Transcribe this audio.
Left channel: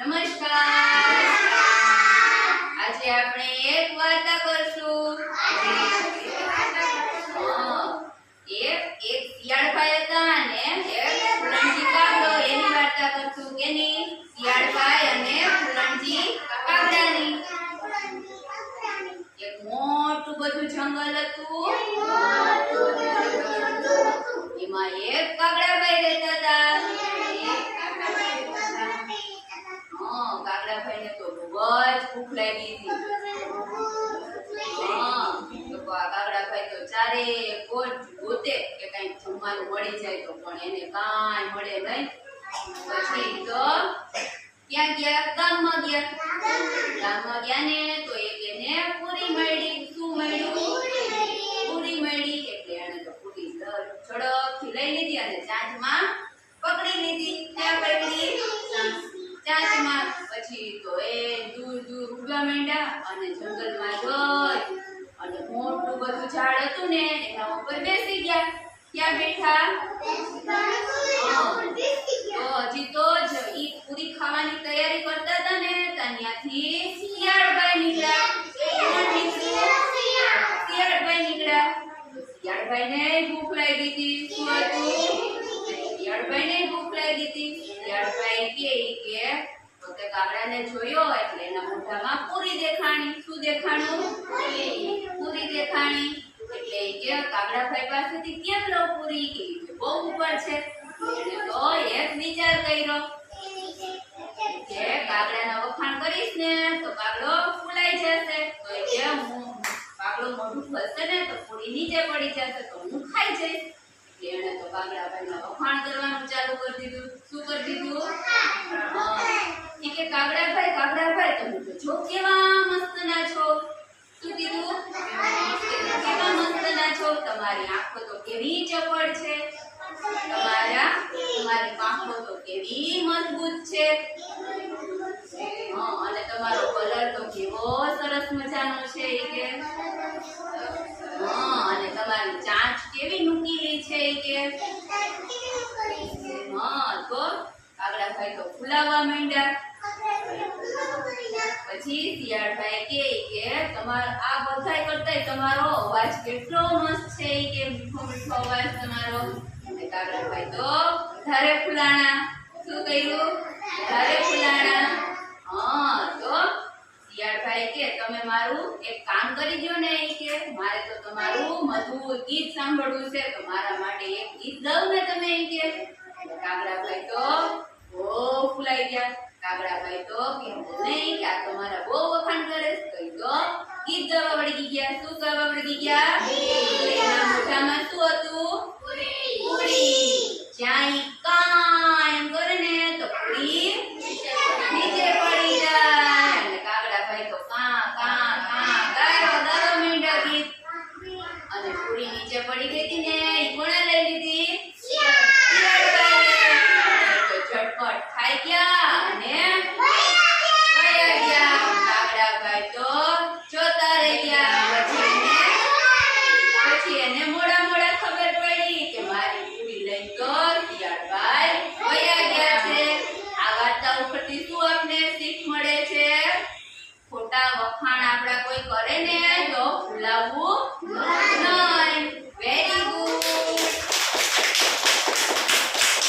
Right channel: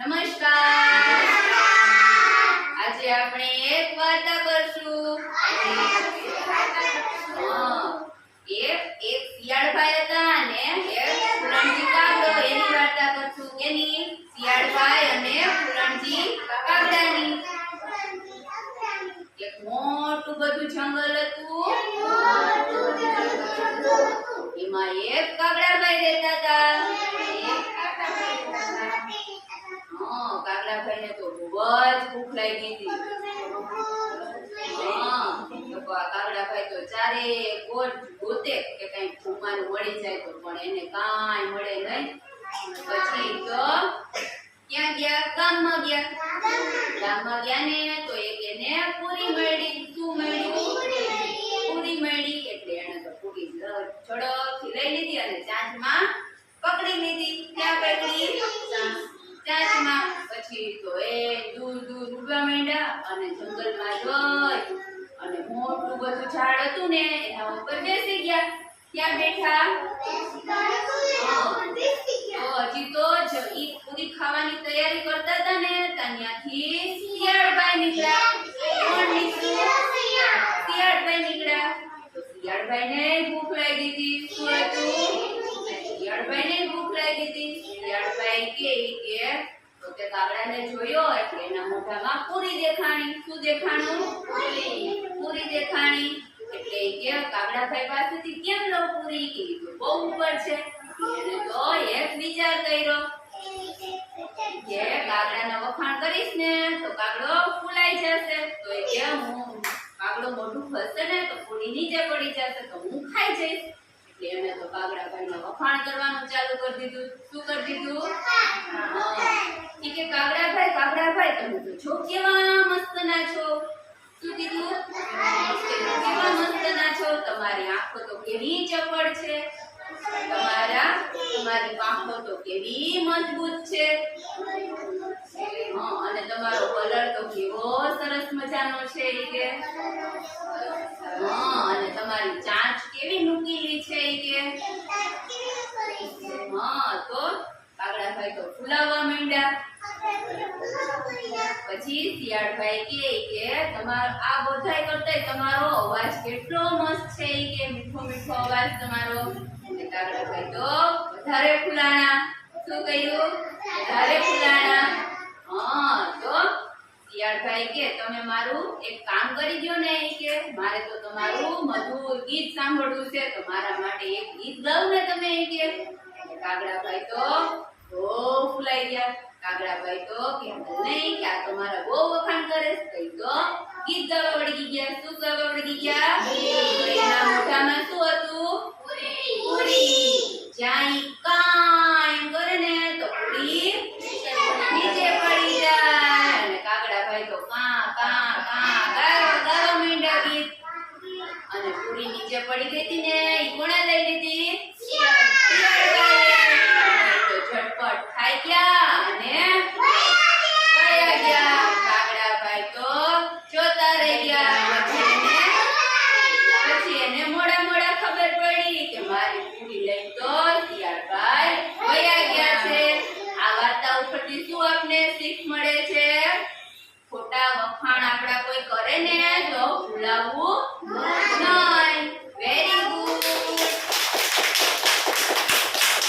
નમસ્કાર. આજે આપણે એક વાર્તા કરશું. એક શિયાળભાઈ હતા અને એક ફૂલણજી કાગડો, એની વાર્તા કરશું. કેની? શિયાળભાઈ અને ફૂલણજી કાગડાની. એક મોટું બધું જંગલ હતું. એમાં એક કાગડાભાઈ રહેતા હતા. કાગડાભાઈને તો બહુ જ ભૂખ લાગી હતી. કાગડાભાઈ તો ચારે કોર ગોતે કે કઈ જમવાનું મળી જાય તો, પણ એને કાંઈ મળે નહીં. પછી તો ક્યાં ગયા? ગામમાં ગયા. ગામમાં ગયા ને તો એક એને પૂરી મળી. શું મળ્યું? પૂરી મળી. એટલે એને તો પૂરી ઝડપથી લઈ લીધી અને ચાંચમાં પકડી લીધી. ક્યાં પકડી? ચાંચમાં. પછી તો એ દૂર દૂર ઉડવા માંડ્યા અને જંગલમાં જોઈ અને મોટું બધું ઝાડ હતું ને એના ઉપર બેસી ગયા. ક્યાં બેઠા? તો હજી તો ઈ પૂરી ખાવાની તૈયારી કરતા હતા ને ત્યાંથી શિયાળભાઈ નીકળ્યા. કોણ નીકળ્યું? શિયાળભાઈ નીકળ્યા. તો શિયાળભાઈને ભૂખ લાગી હતી. શું હતું? શિયાળભાઈને ભૂખ લાગી હતી. શિયાળભાઈ કે પોતે કાગડાને જોયો એટલે એના મોઢામાં પૂરી દેખાણી. શું દેખાણું? પૂરી દેખાણી. એટલે કે કાગડાભાઈ પાસેથી કેમ લો પૂરી? કે બહુ ઉપર છે. એટલે તો એક વિચાર કર્યો કે કાગડાના વખાણ કરીશ ને તો કાગડો ફૂલાઈ જશે. તો એ કે કાગડો મોઢું ફસશે ને તો પૂરી નીચે પડી જશે તો હું ખાઈ જઈશ. એટલે એને તો કાગડાભાઈના વખાણ કરવાનું ચાલુ કરી દીધું. શું કરી દીધું? કે કાગડાભાઈ તમે તો છો કેવા મસ્ત ના છો. શું કીધું? કેવા મસ્ત ના છો. તમારી આંખો તો કેવી ચપળ છે. તમારી પાંખો તો કેવી મજબૂત છે. અને તમારો કલર તો કેવો સરસ મજાનો છે. કે અને તમારી ચાંચ કેવી નુકીલી છે. કે તો કાગડાભાઈ તો ફૂલાવા માંડ્યા. પછી શિયાળભાઈ કે તમારો આ બધાય કરતાય તમારો અવાજ કેટલો મસ્ત છે. કે મીઠો મીઠો અવાજ તમારો. કાગડાભાઈ તો વધારે ફૂલાણા. શું કર્યું? વધારે ફૂલાણા. તો શિયાળભાઈ કે તમે મારું એક કામ કરી દો ને. કે મારે તો તમારું મધુર ગીત સાંભળવું છે તો મારા માટે એક ગીત ગાઓ ને તમે. કે કાગડાભાઈ તો બહુ ફૂલાઈ ગયા. કાગડાભાઈ તો કહેતા નહીં કે આ તમારા બહુ વખાણ કરે છે. તો ગીત ગાવા વળગી ગયા. શું ગાવા વળગી ગયા? એના મોઢામાં શું હતું? પૂરી. જ્યાં ઈ કા એમ કરે ને તો પૂરી નીચે પડી જાય. અને કાગડાભાઈ તો કા કા કા ગાવા માંડ્યા ગીત. અને પૂરી નીચે પડી ગઈ હતી ને ઈ કોણે લઈ લીધી? શિયાળભાઈએ. તો ઝટપટ ખાઈ ગયા અને